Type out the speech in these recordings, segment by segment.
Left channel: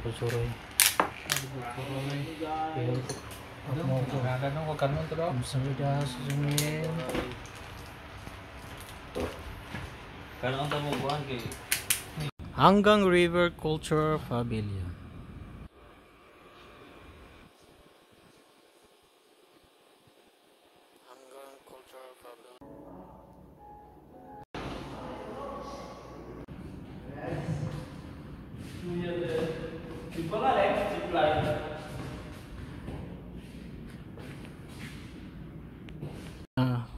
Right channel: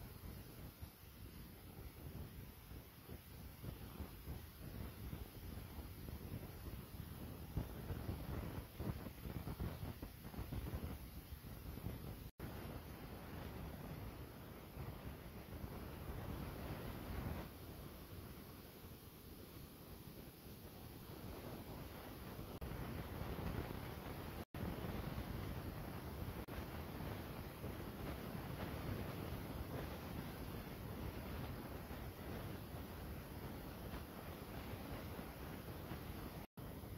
kalibot suroy. Pero ako mo ko. Ganun ko kanon to do. Samida sumin. Kanon ta mo buwan kay Hanggang River Culture Pavilion.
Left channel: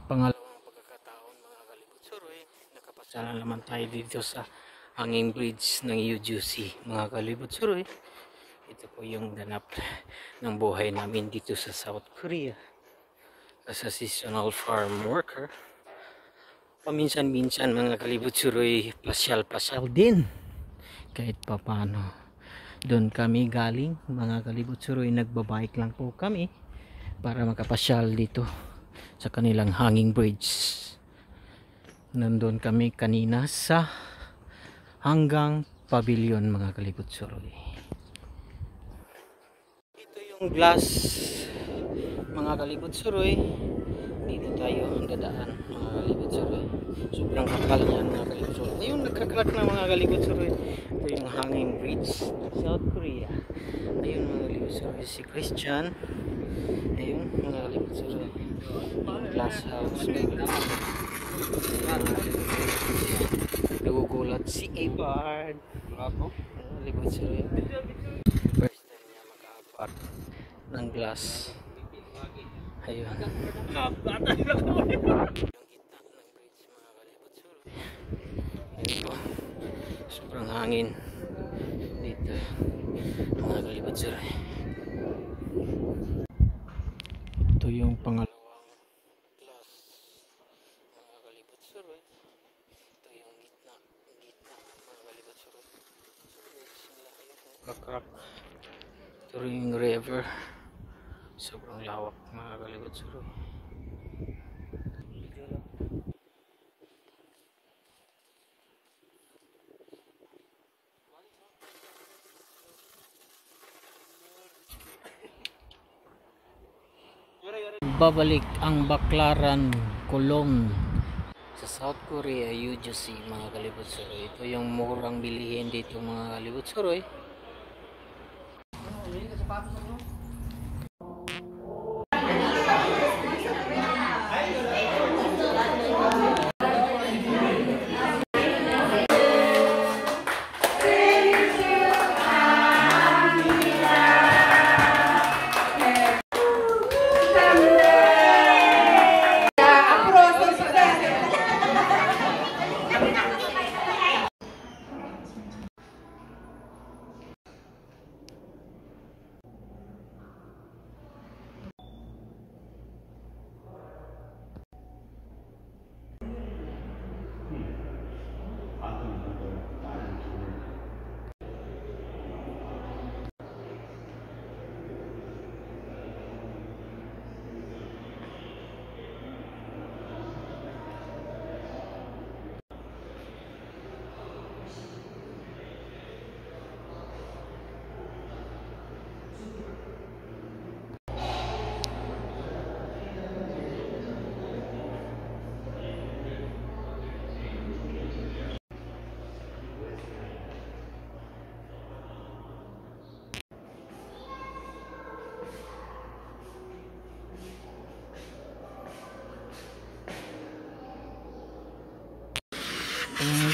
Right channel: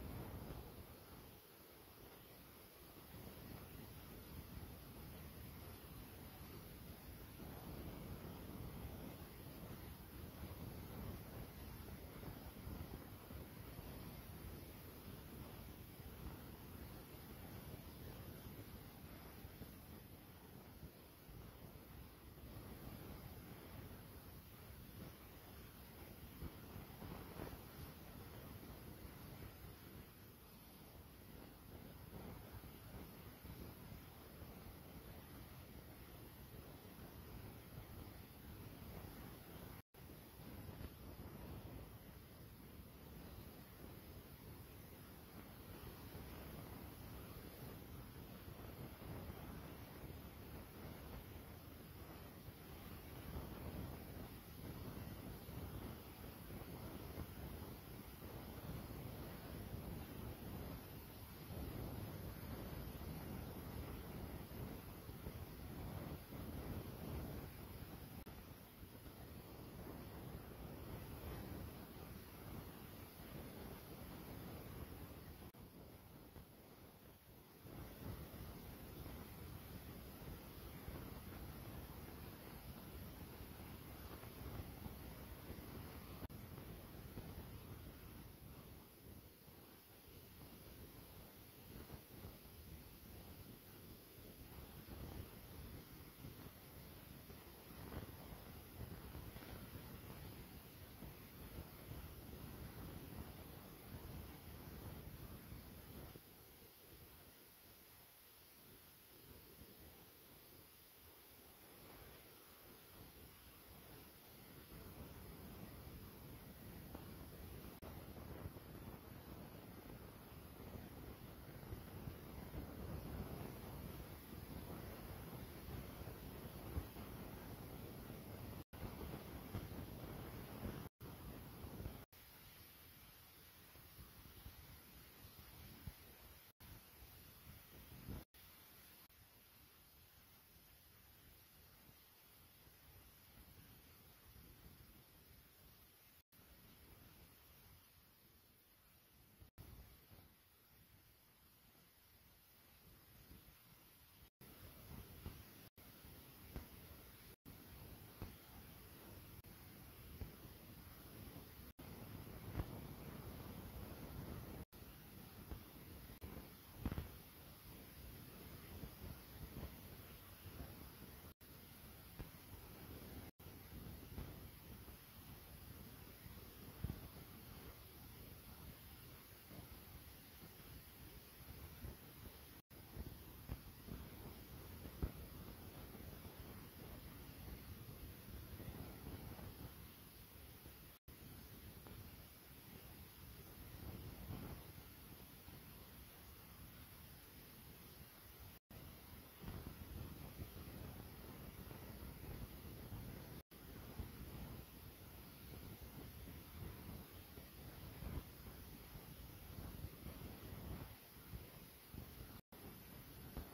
Pangalawang pagkakataon mga kalibot suroy, nakapasala naman tayo dito sa hanging bridge ng UGC mga kalibot suroy. Ito po yung ganap ng buhay namin dito sa South Korea as a seasonal farm worker. Paminsan-minsan mga kalibot suroy, pasyal-pasyal din kahit papano. Doon kami galing mga kalibot suroy, nagbabike lang po kami para makapasyal dito sa kanilang hanging bridge. Nandun kami kanina sa hanggang pavilion mga kalibot suroy. Ito yung glass mga kalibot suroy. Dito tayo dadaan mga kalibot suroy. Sobrang kapal yan mga kalibot suroy. Ayun, nagkaklak na mga kalibot suroy. Ito yung hanging bridge South Korea. Ayun mga kalibot suroy, si Christian. Ayun mga kalibot suroy, yung glass house. Nagugulat si Abard. Kalibot suroy, first time niya makahapat ng glass. Ayun, yung gitna ng bridge mga kalibot suroy. Ayun po, sobrang hangin dito mga kalibot suroy. Ito yung pangalawang class mga kalibot suroy. Ito yung gitna mga kalibot suroy. Kakrak. Ito yung river. Sobrang lawak mga kalibot suroy. Babalik ang Baklaran Kulong sa South Korea, UGC mga kalibot suroy. Ito yung murang bilihin dito mga kalibot suroy.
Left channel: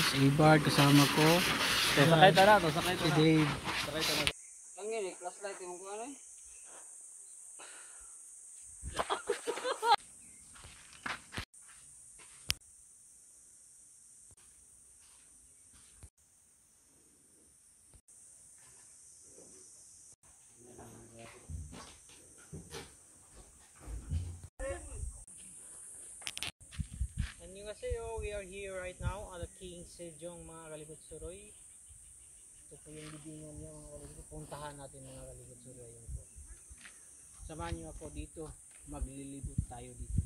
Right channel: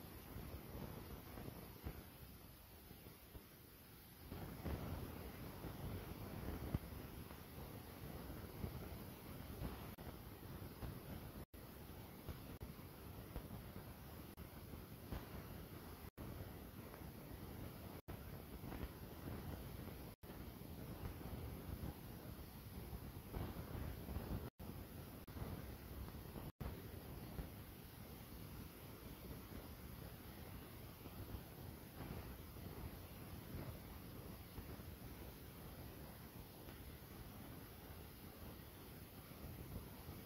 Si Abard kasama ko. Sakay ta na, sakay ta Si na. Dave. Sakay ta na. ang ngini flashlight mo ko ano. Annyeonghaseyo, we are here right now at the King Sejong mga kalibot suroy. Ito yung video nyo mga kalibot. Puntahan natin mga kalibot suroy. Samahan nyo ako dito. Maglilibot tayo dito.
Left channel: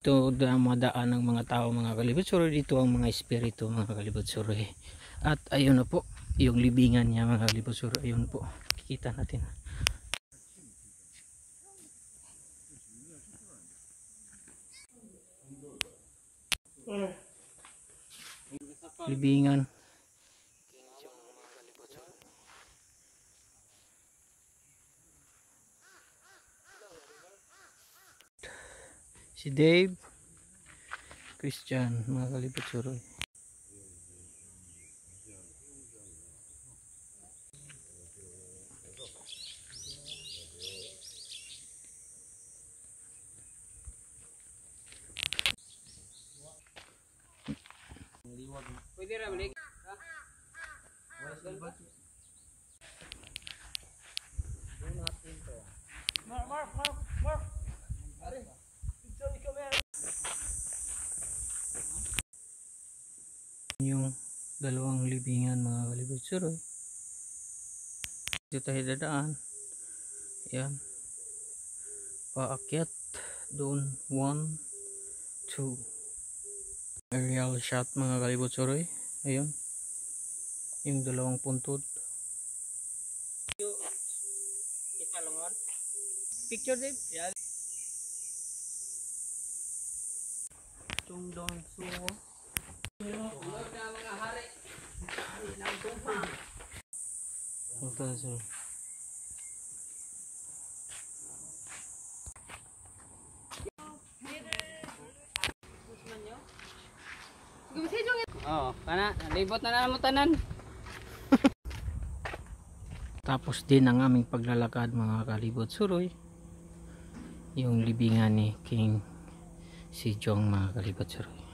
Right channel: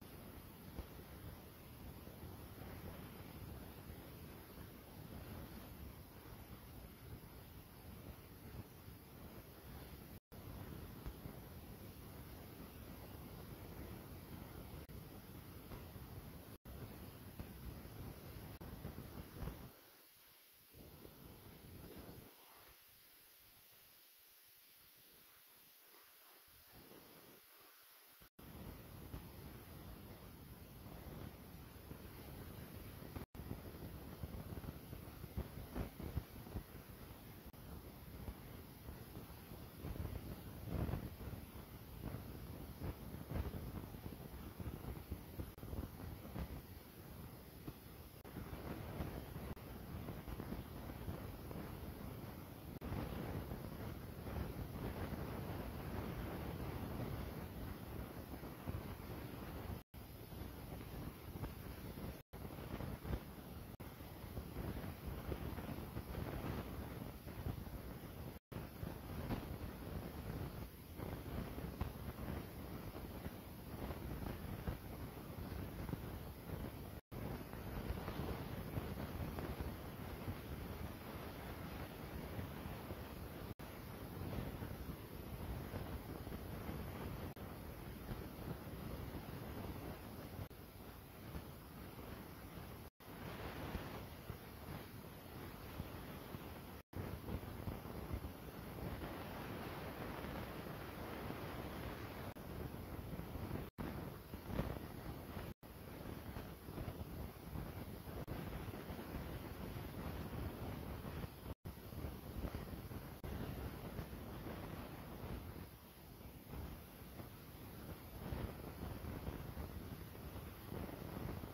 Ito ang madaan ng mga tao mga kalibot suroy. Dito ang mga espiritu mga kalibot suroy. At ayun na po yung libingan niya mga kalibot suroy. Ayun po, kikita natin. Libingan. Si Dave, Christian, mga kalibot suroy. Pwede na balik. Yung dalawang libingan mga kalibot suroy. Dito tayo dadaan. Yan. Paakyat. Doon. 1, 2. Aerial shot mga kalibot suroy. Ayun. Yung dalawang puntod. Picture din. Yan. Tungdong suwo. Ito so. Oo, kana libot na naman tanan. Tapos din ang aming paglalakad mga kalibot suroy. Yung libingan ni King si Jong mga kalibot suroy.